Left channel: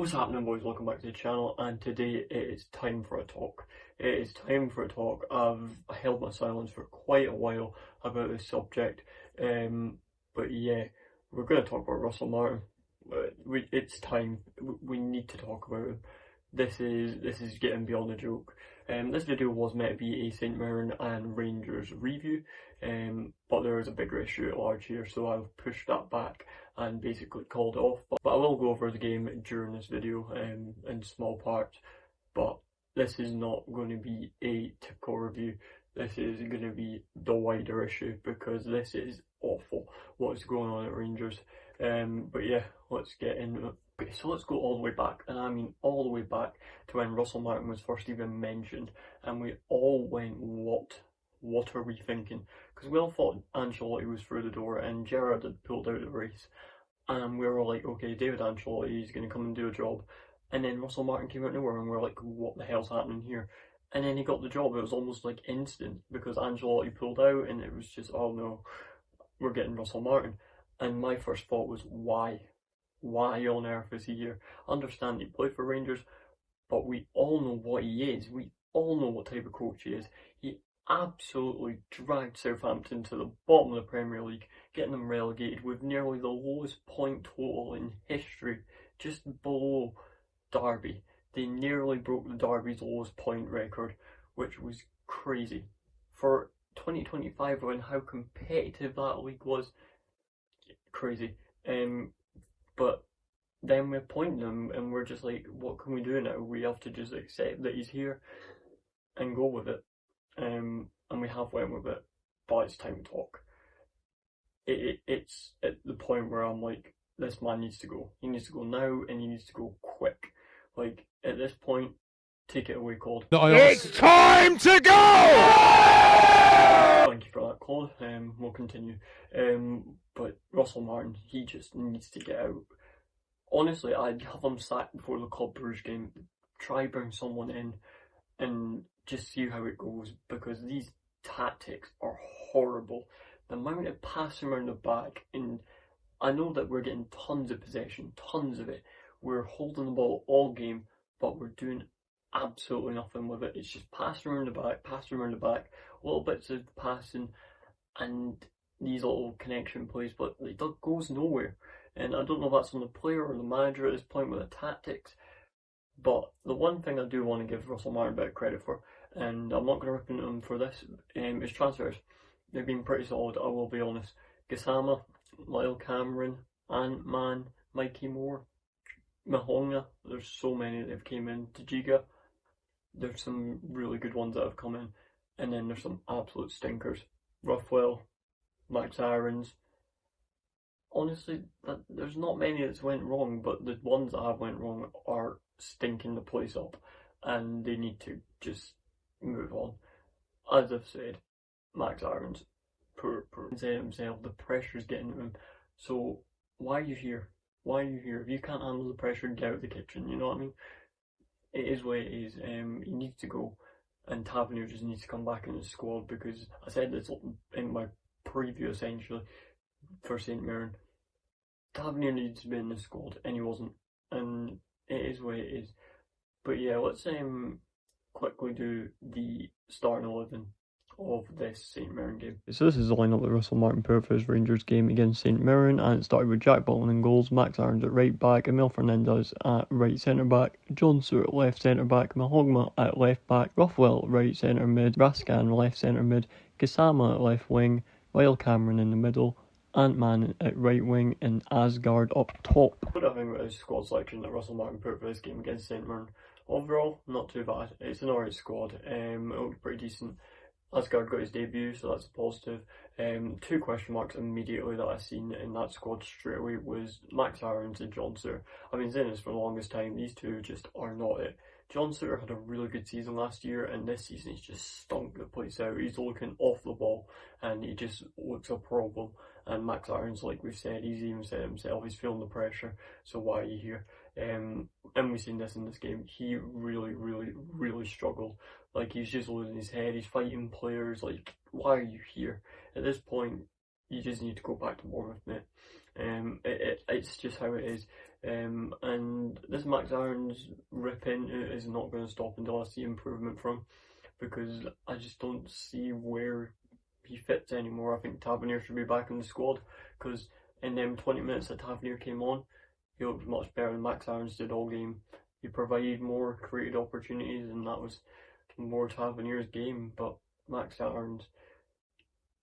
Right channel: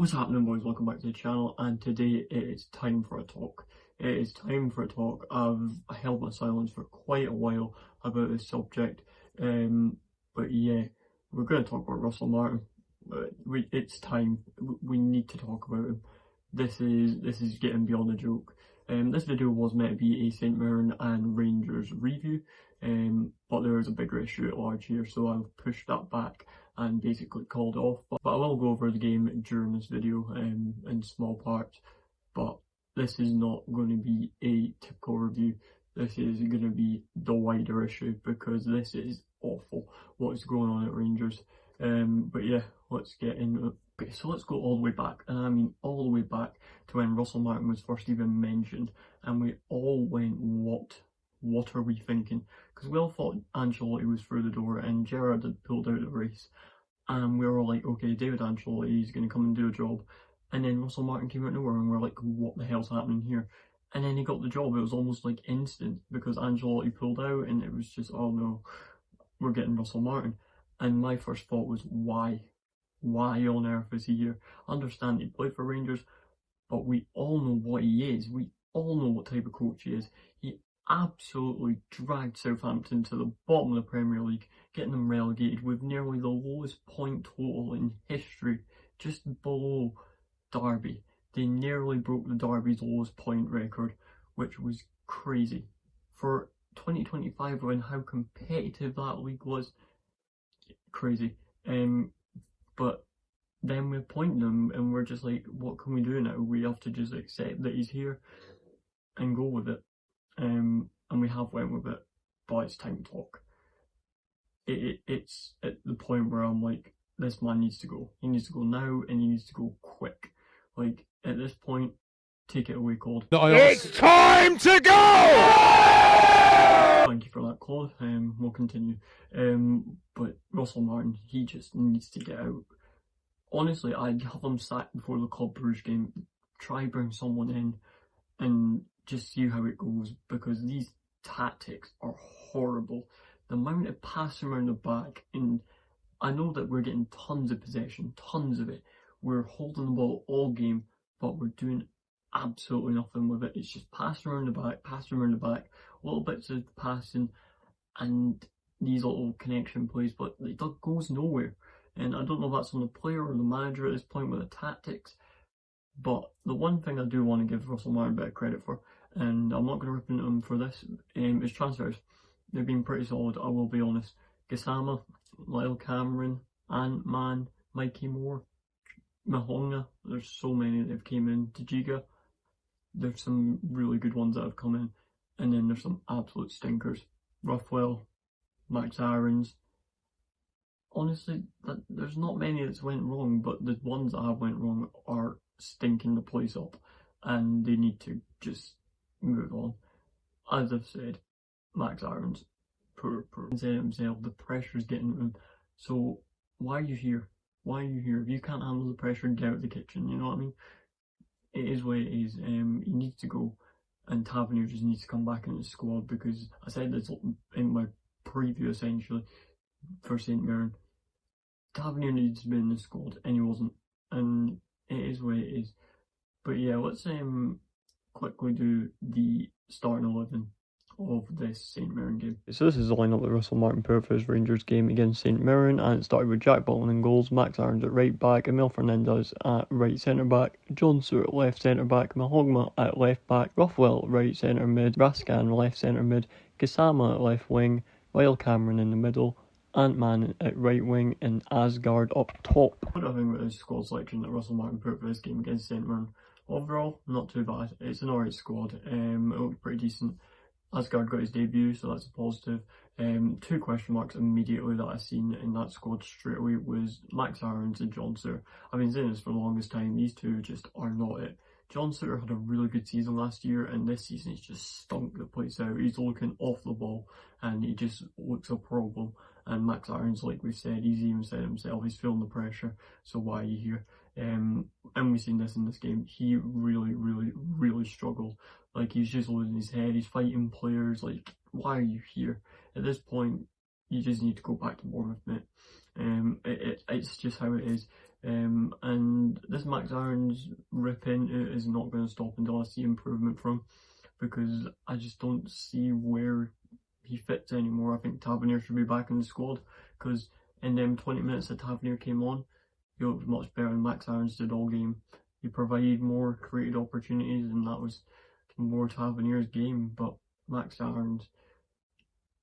What's happening, boys? Welcome back to the channel, and today it is time for a talk. It is time for a talk. I've held my silence for quite a while about this subject, but yeah, we're going to talk about Russell Martin. It's time. We need to talk about him. This is getting beyond a joke. This video was meant to be a St Mirren and Rangers review, but there is a bigger issue at large here, so I've pushed that back and basically called it off. But I will go over the game during this video in small parts. But this is not going to be a typical review. This is going to be the wider issue because this is awful what is going on at Rangers. But yeah, let's get into it. Okay, so let's go all the way back, and I mean all the way back to when Russell Martin was first even mentioned, and we all went, what are we thinking? Because we all thought Ancelotti was through the door and Gerrard had pulled out of the race, and we were all like, okay, David Ancelotti is going to come and do a job, and then Russell Martin came out of nowhere, and we we're like, what the hell's happening here? And then he got the job. It was almost like instant because Ancelotti pulled out, and it was just, oh no, we're getting Russell Martin. And my first thought was, why? Why on earth is he here? I understand he played for Rangers, but we all know what he is. We all know what type of coach he is. He absolutely dragged Southampton to the bottom of the Premier League, getting them relegated with nearly the lowest point total in history, just below Derby. They nearly broke the Derby's lowest point record, which was crazy. For 2025 and how competitive that league was, crazy. But then we're pointing them and we're just like, what can we do now? We have to just accept that he's here and go with it. And we have went with it, but it's time to talk. It's at the point where I'm like, this man needs to go. He needs to go now, and he needs to go quick. Like, at this point, take it away, Claude. It's time to go! Thank you for that, Claude. We'll continue. But Russell Martin, he just needs to get out. Honestly, I'd have him sacked before the Club Brugge game. Try bring someone in and just see how it goes, because these tactics are horrible. The amount of passing around the back, and I know that we're getting tons of possession, tons of it. We're holding the ball all game, but we're doing absolutely nothing with it. It's just passing around the back, little bits of passing, and these little connection plays, but it goes nowhere. And I don't know if that's on the player or the manager at this point with the tactics, but the one thing I do want to give Russell Martin a bit of credit for, and I'm not going to rip into him for this, is transfers. They've been pretty solid, I will be honest. Gassama, Lyle Cameron, Ant-Man, Mikey Moore, Mahonga, there's so many that have came in. Tajiga, there's some really good ones that have come in, and then there's some absolute stinkers. Ruffwell, Max Aarons. Honestly, there's not many that's went wrong, but the ones that have went wrong are stinking the place up, and they need to just move on. As I've said, Max Aarons, poor. He said himself, the pressure's getting to him. So why are you here? Why are you here? If you can't handle the pressure, get out of the kitchen. You know what I mean? It is what it is. He needs to go, and Tavernier just needs to come back in the squad, because I said this in my preview essentially for St Mirren. Tavernier needs to be in the squad, and he wasn't, and it is what it is. But yeah, let's quickly do the starting 11 of this St Mirren game. So this is the lineup that Russell Martin put for his Rangers game against St Mirren, and it started with Jack Butland in goals, Max Aarons at right back, Emil Fernandez at right centre back, John Stewart at left centre back, Mahogma at left back, Ruffwell right centre mid, Raskan left centre mid, Gassama at left wing, Lyle Cameron in the middle, Ant-Man at right wing, and Asgard up top. What I think about his squad selection that Russell Martin put for this game against St Mirren, overall, not too bad. It's an alright squad. It looked pretty decent. Asgard got his debut, so that's a positive. Two question marks immediately that I seen in that squad straight away was Max Aarons and John Stewart. I've been saying this for the longest time, these two just are not it. John Stewart had a really good season last year, and this season he's just stunk the place out. He's looking off the ball, and he just looks a problem. And Max Aarons, like we said, he's even said himself, he's feeling the pressure, so why are you here? And we've seen this in this game. He really struggled. Like, he's just losing his head, he's fighting players. Like, why are you here? At this point, you just need to go back to Bournemouth, mate. It's just how it is. And this Max Aaron's rip into is not going to stop until I see improvement from, because I just don't see where he fits anymore. I think Tavernier should be back in the squad, because in them 20 minutes that Tavernier came on, he looked much better than Max Aaron's did all game. He provided more created opportunities, and that was more Tavernier's game. But Max Aaron's,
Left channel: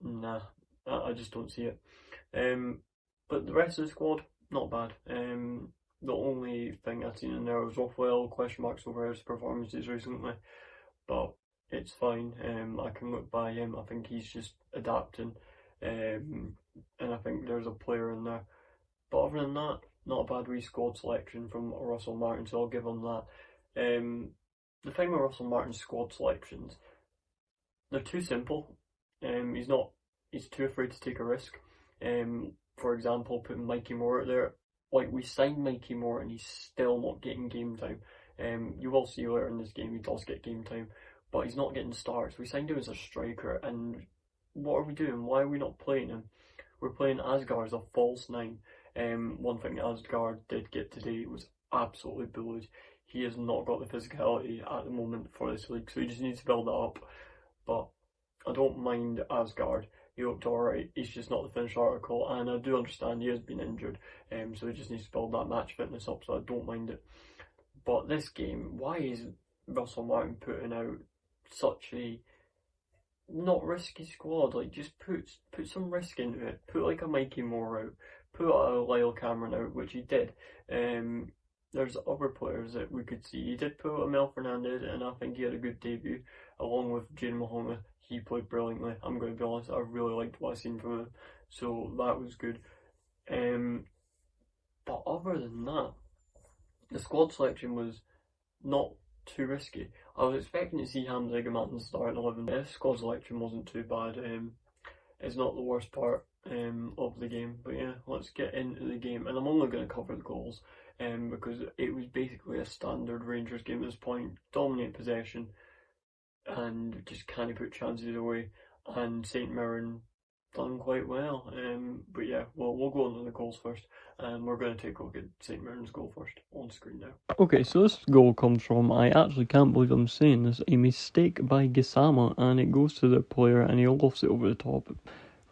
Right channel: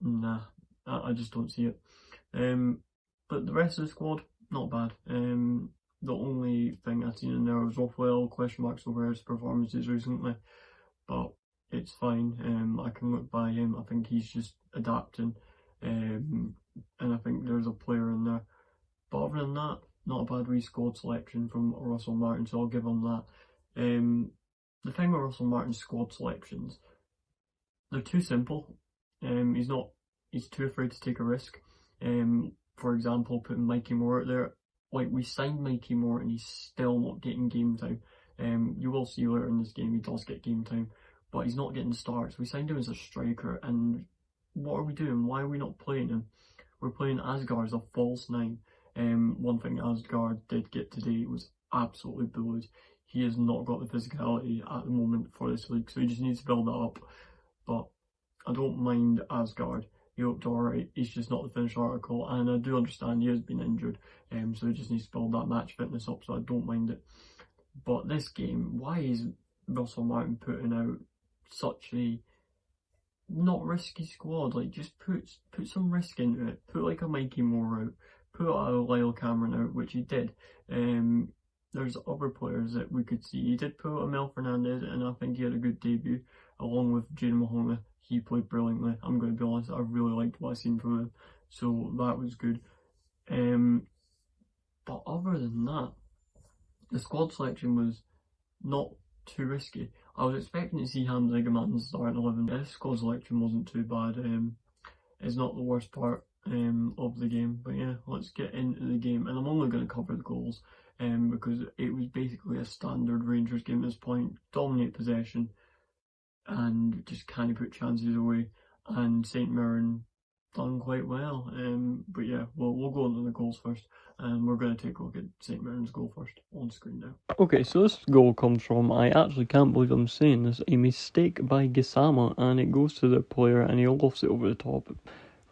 nah, I just don't see it. But the rest of the squad, not bad. The only thing I've seen in there was Raphael question marks over his performances recently, but it's fine. I can look by him. I think he's just adapting, and I think there's a player in there. But other than that, not a bad wee squad selection from Russell Martin, so I'll give him that. The thing with Russell Martin's squad selections, they're too simple. He's too afraid to take a risk. For example, putting Mikey Moore out there. Like, we signed Mikey Moore and he's still not getting game time. You will see later in this game he does get game time, but he's not getting starts. We signed him as a striker, and what are we doing? Why are we not playing him? We're playing Asgard as a false nine. One thing Asgard did get today was absolutely bullied. He has not got the physicality at the moment for this league, so he just needs to build that up. But I don't mind Asgard. He looked alright. He's just not the finished article, and I do understand he has been injured, so he just needs to build that match fitness up, so I don't mind it. But this game, why is Russell Martin putting out such a not risky squad? Like, just put some risk into it. Put like a Mikey Moore out. Put a Lyle Cameron out, which he did. There's other players that we could see. He did put a Mel Fernandez, and I think he had a good debut, along with Jaden Mahoma. He played brilliantly. I'm going to be honest, I really liked what I seen from him, so that was good. But other than that, the squad selection was not too risky. I was expecting to see Hamza Gaman starting 11. This squad selection wasn't too bad. It's not the worst part of the game. But yeah, let's get into the game. And I'm only going to cover the goals because it was basically a standard Rangers game at this point. Dominate possession and just kind of put chances away. And St Mirren done quite well. But yeah, we'll go on to the goals first. And we're going to take a look at St Mirren's goal first on screen now. Okay, so this goal comes from, I actually can't believe I'm saying this, a mistake by Gisama, and it goes to the player and he lofts it over the top.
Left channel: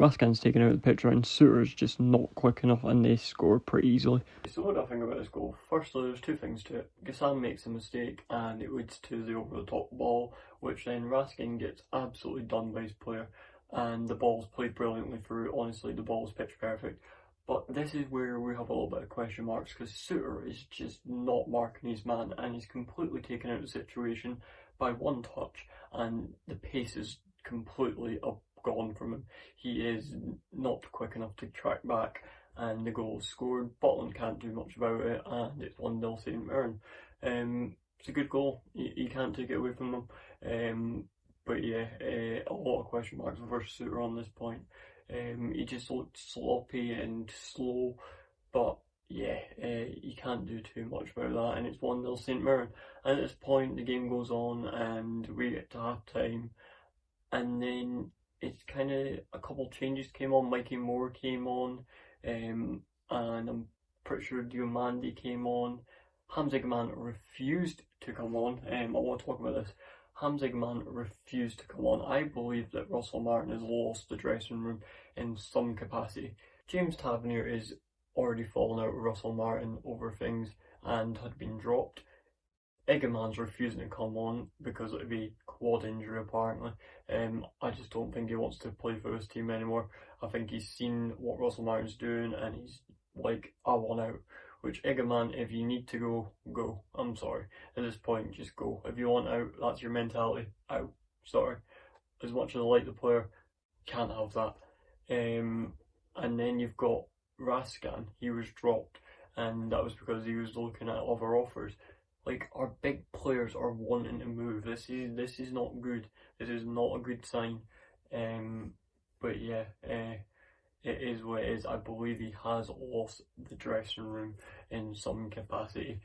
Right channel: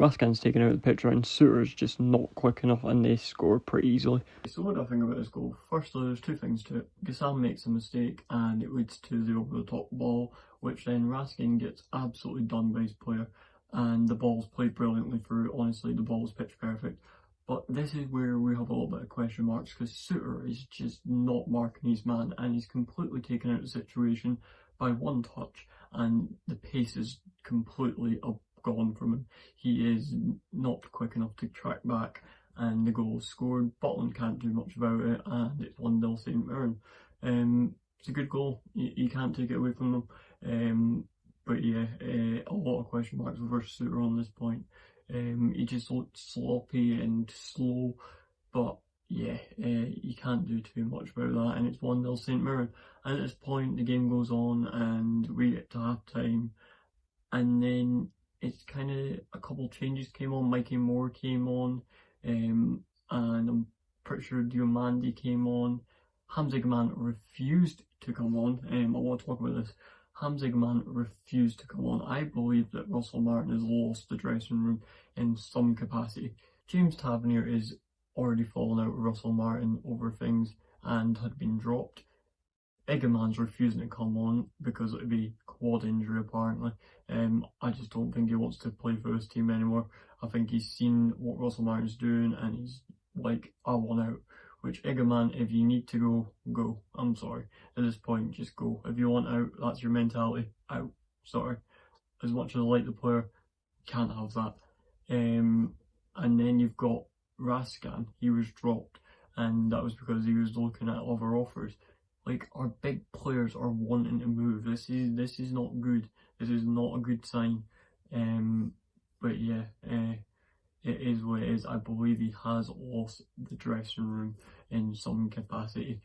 Raskin's taken out of the picture and Suter's just not quick enough, and they score pretty easily. So what do I think about this goal? Firstly, there's two things to it. Gisama makes a mistake and it leads to the over the top ball, which then Raskin gets absolutely done by his player, and the ball's played brilliantly through. Honestly, the ball's pitch perfect. But this is where we have a little bit of question marks, because Suter is just not marking his man, and he's completely taken out of the situation by one touch, and the pace is completely gone from him. He is not quick enough to track back, and the goal is scored. Butland can't do much about it, and it's 1-0 St Mirren. It's a good goal. You can't take it away from them. But yeah, a lot of question marks over Suter on this point. He just looked sloppy and slow, but yeah, you can't do too much about that, and it's 1-0 St Mirren. And at this point, the game goes on, and we get to half time, and then it's kind of a couple changes came on. Mikey Moore came on, and I'm pretty sure Diomande came on. Hamza Gaman refused to come on. I want to talk about this. Hamza Gaman refused to come on. I believe that Russell Martin has lost the dressing room in some capacity. James Tavernier is already fallen out with Russell Martin over things and had been dropped. Egerman's refusing to come on because it would be quad injury apparently. I just don't think he wants to play for his team anymore. I think he's seen what Russell Martin's doing and he's like, I want out. Which, Egerman, if you need to go, go. I'm sorry. At this point, just go. If you want out, that's your mentality. Out. Sorry. As much as I like the player, can't have that. And then you've got Raskin. He was dropped, and that was because he was looking at other offers. Like, our big players are wanting to move. This is not good. This is not a good sign. But yeah, it is what it is. I believe he has lost the dressing room in some capacity,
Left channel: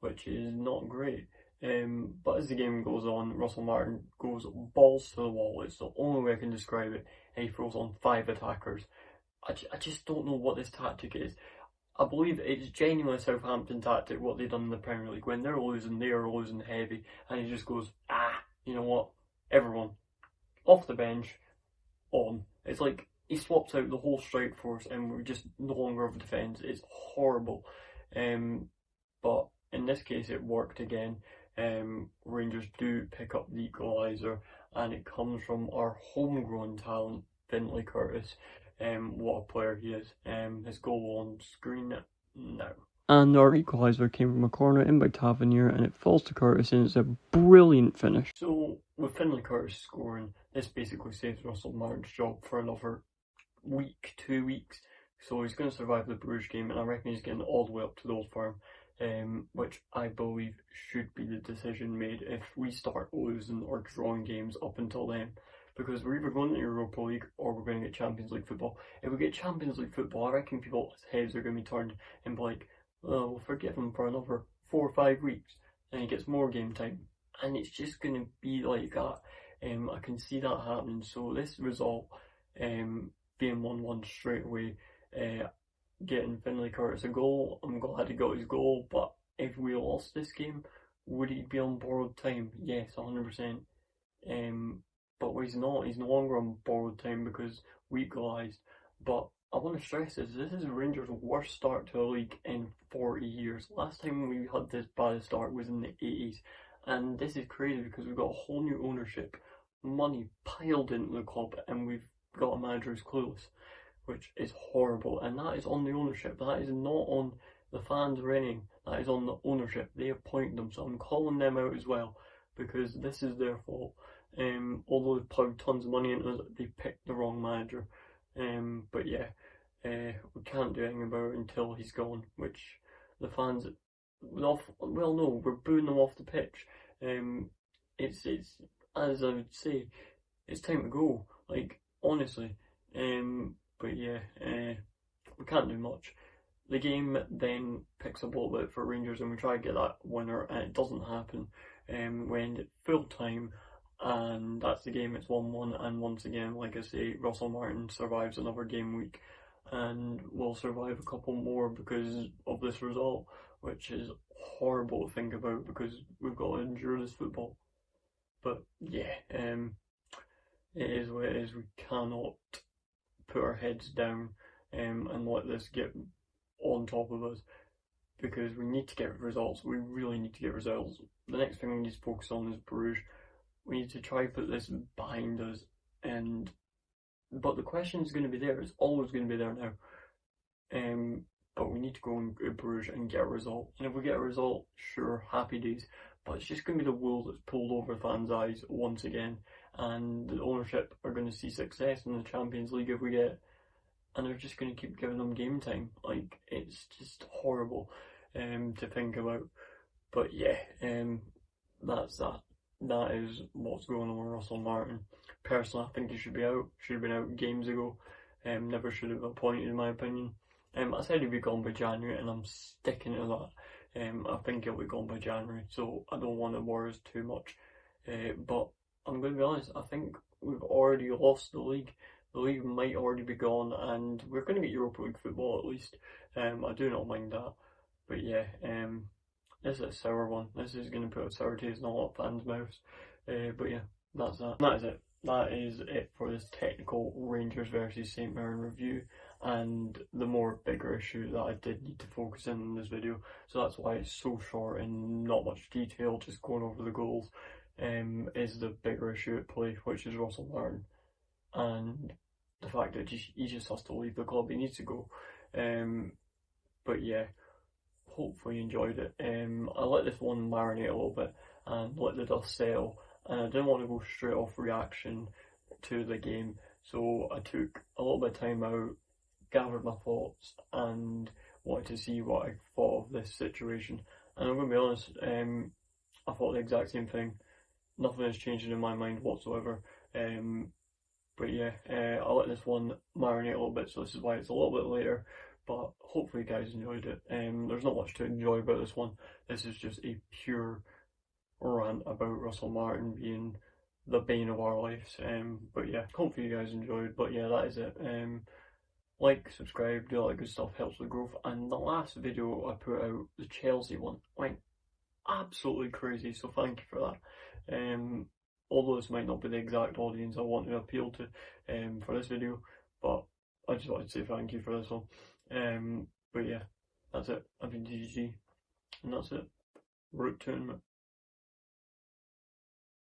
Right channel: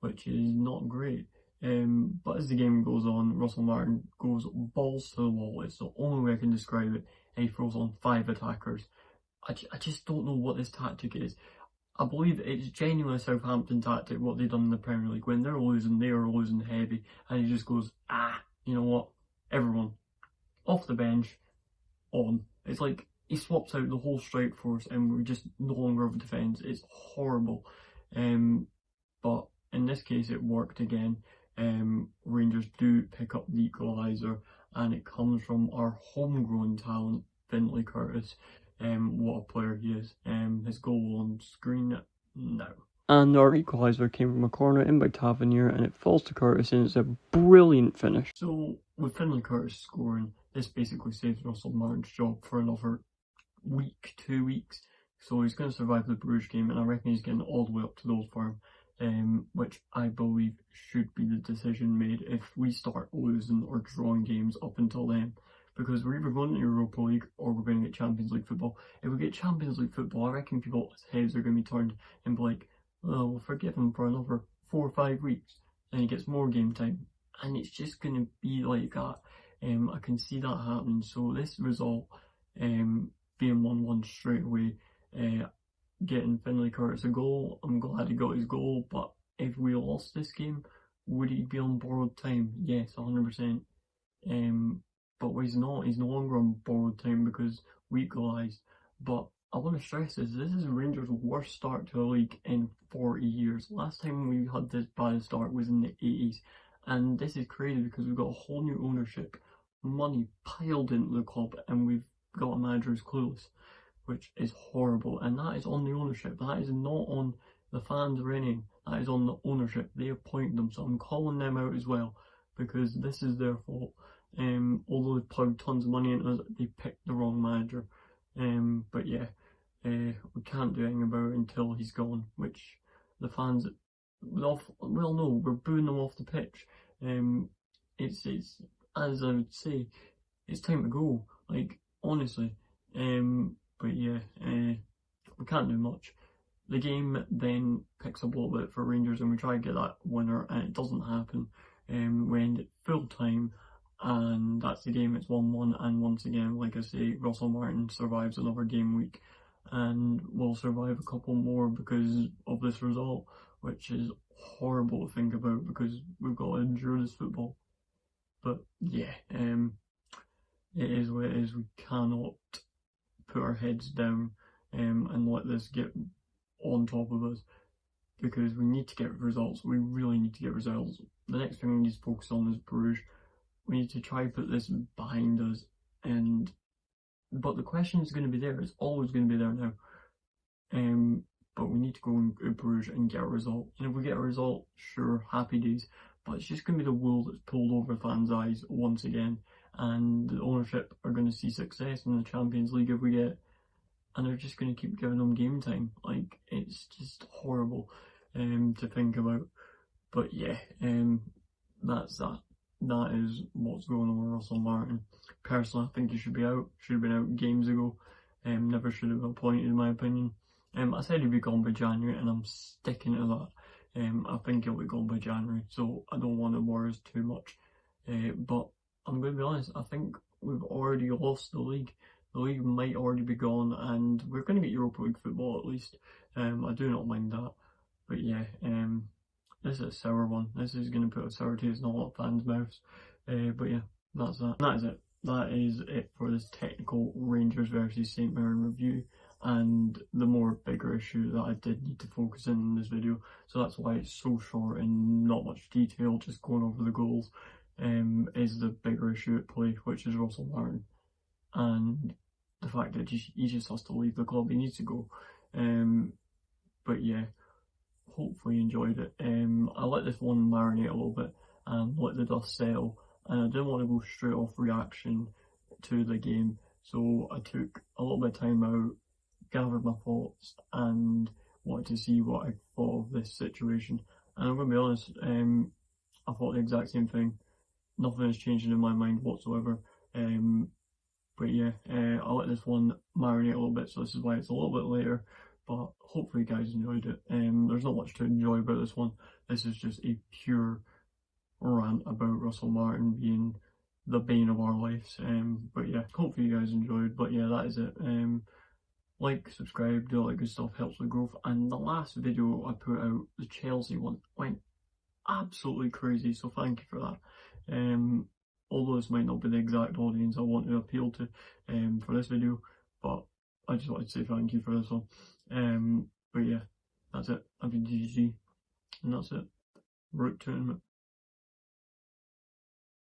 which is not great. But as the game goes on, Russell Martin goes balls to the wall. It's the only way I can describe it. And he throws on 5 attackers. I just don't know what this tactic is. I believe it's genuinely a Southampton tactic what they've done in the Premier League. When they are losing heavy, and he just goes, you know what, everyone off the bench, on. It's like he swaps out the whole strike force, and we're just no longer have defence. It's horrible. Um, but in this case, it worked again. Rangers do pick up the equaliser, and it comes from our homegrown talent, Finlay Curtis. What a player he is. His goal on screen now. And our equaliser came from a corner in by Tavernier, and it falls to Curtis, and it's a brilliant finish. So, with Finlay Curtis scoring, this basically saves Russell Martin's job for another week, 2 weeks. So he's going to survive the Bruges game, and I reckon he's getting all the way up to the Old Firm, which I believe should be the decision made if we start losing or drawing games up until then. Because we're either going to Europa League or we're going to get Champions League football. If we get Champions League football, I reckon people's heads are going to be turned and be like, oh, we'll forgive him for another 4 or 5 weeks. And he gets more game time. And it's just going to be like that. I can see that happening. So this result, being 1-1 straight away, getting Finlay Curtis a goal, I'm glad he got his goal. But if we lost this game, would he be on borrowed time? Yes, 100%. But he's not. He's no longer on borrowed time because we equalised. But I want to stress this is Rangers' worst start to a league in 40 years. Last time we had this bad start was in the 80s. And this is crazy because we've got a whole new ownership, money piled into the club, and we've got a manager who's clueless, which is horrible. And that is on the ownership. That is not on the fans or anything. That is on the ownership. They appoint them. So I'm calling them out as well because this is their fault. Although they plugged tons of money into us, they picked the wrong manager. But yeah, we can't do anything about it until he's gone, which the fans no, we're booing them off the pitch. It's as I would say, it's time to go. Like honestly, but yeah, we can't do much. The game then picks up a little bit for Rangers, and we try to get that winner, and it doesn't happen. We end at full time, and that's the game. It's 1-1, and once again, like I say, Russell Martin survives another game week, and will survive a couple more because of this result, which is horrible to think about because we've got to endure this football. But yeah, it is what it is. We cannot put our heads down and let this get on top of us because we need to get results. We really need to get results. The next thing we need to focus on is Bruges. We need to try and put this behind us, but the question is going to be there. It's always going to be there now. But we need to go in Bruges and get a result. And if we get a result, sure, happy days. But it's just going to be the wool that's pulled over fans' eyes once again. And the ownership are going to see success in the Champions League if we get, and they're just going to keep giving them game time. Like, it's just horrible to think about. But yeah, that's that. That is what's going on with Russell Martin. Personally, I think he should be out. Should have been out games ago. Never should have been appointed, in my opinion. I said he'd be gone by January, and I'm sticking to that. I think he'll be gone by January, so I don't want to worry us too much. But I'm going to be honest, I think we've already lost the league. The league might already be gone, and we're going to get Europa League football at least. I do not mind that. But yeah, this is a sour one. This is going to put a sour taste in a lot of fans' mouths. But yeah, that's that. That is it. That is it for this technical Rangers versus St Mirren review, and the more bigger issue that I did need to focus in this video. So that's why it's so short and not much detail, just going over the goals. Is the bigger issue at play, which is Russell Martin, and the fact that he just has to leave the club. He needs to go. But yeah, hopefully you enjoyed it. I let this one marinate a little bit and let the dust settle, and I didn't want to go straight off reaction to the game, so I took a little bit of time out, gathered my thoughts, and wanted to see what I thought of this situation. And I'm going to be honest, I thought the exact same thing. Nothing has changed in my mind whatsoever. But yeah, I'll let this one marinate a little bit, so this is why it's a little bit later. But hopefully you guys enjoyed it. There's not much to enjoy about this one. This is just a pure rant about Russell Martin being the bane of our lives. But yeah, hopefully you guys enjoyed. But yeah, that is it. like, subscribe, do all that good stuff, helps the growth. And the last video I put out, the Chelsea one, went absolutely crazy, so thank you for that. Although this might not be the exact audience I want to appeal to for this video, but I just wanted to say thank you for this one. But yeah, that's it. I've been GG, and that's it. Route tournament.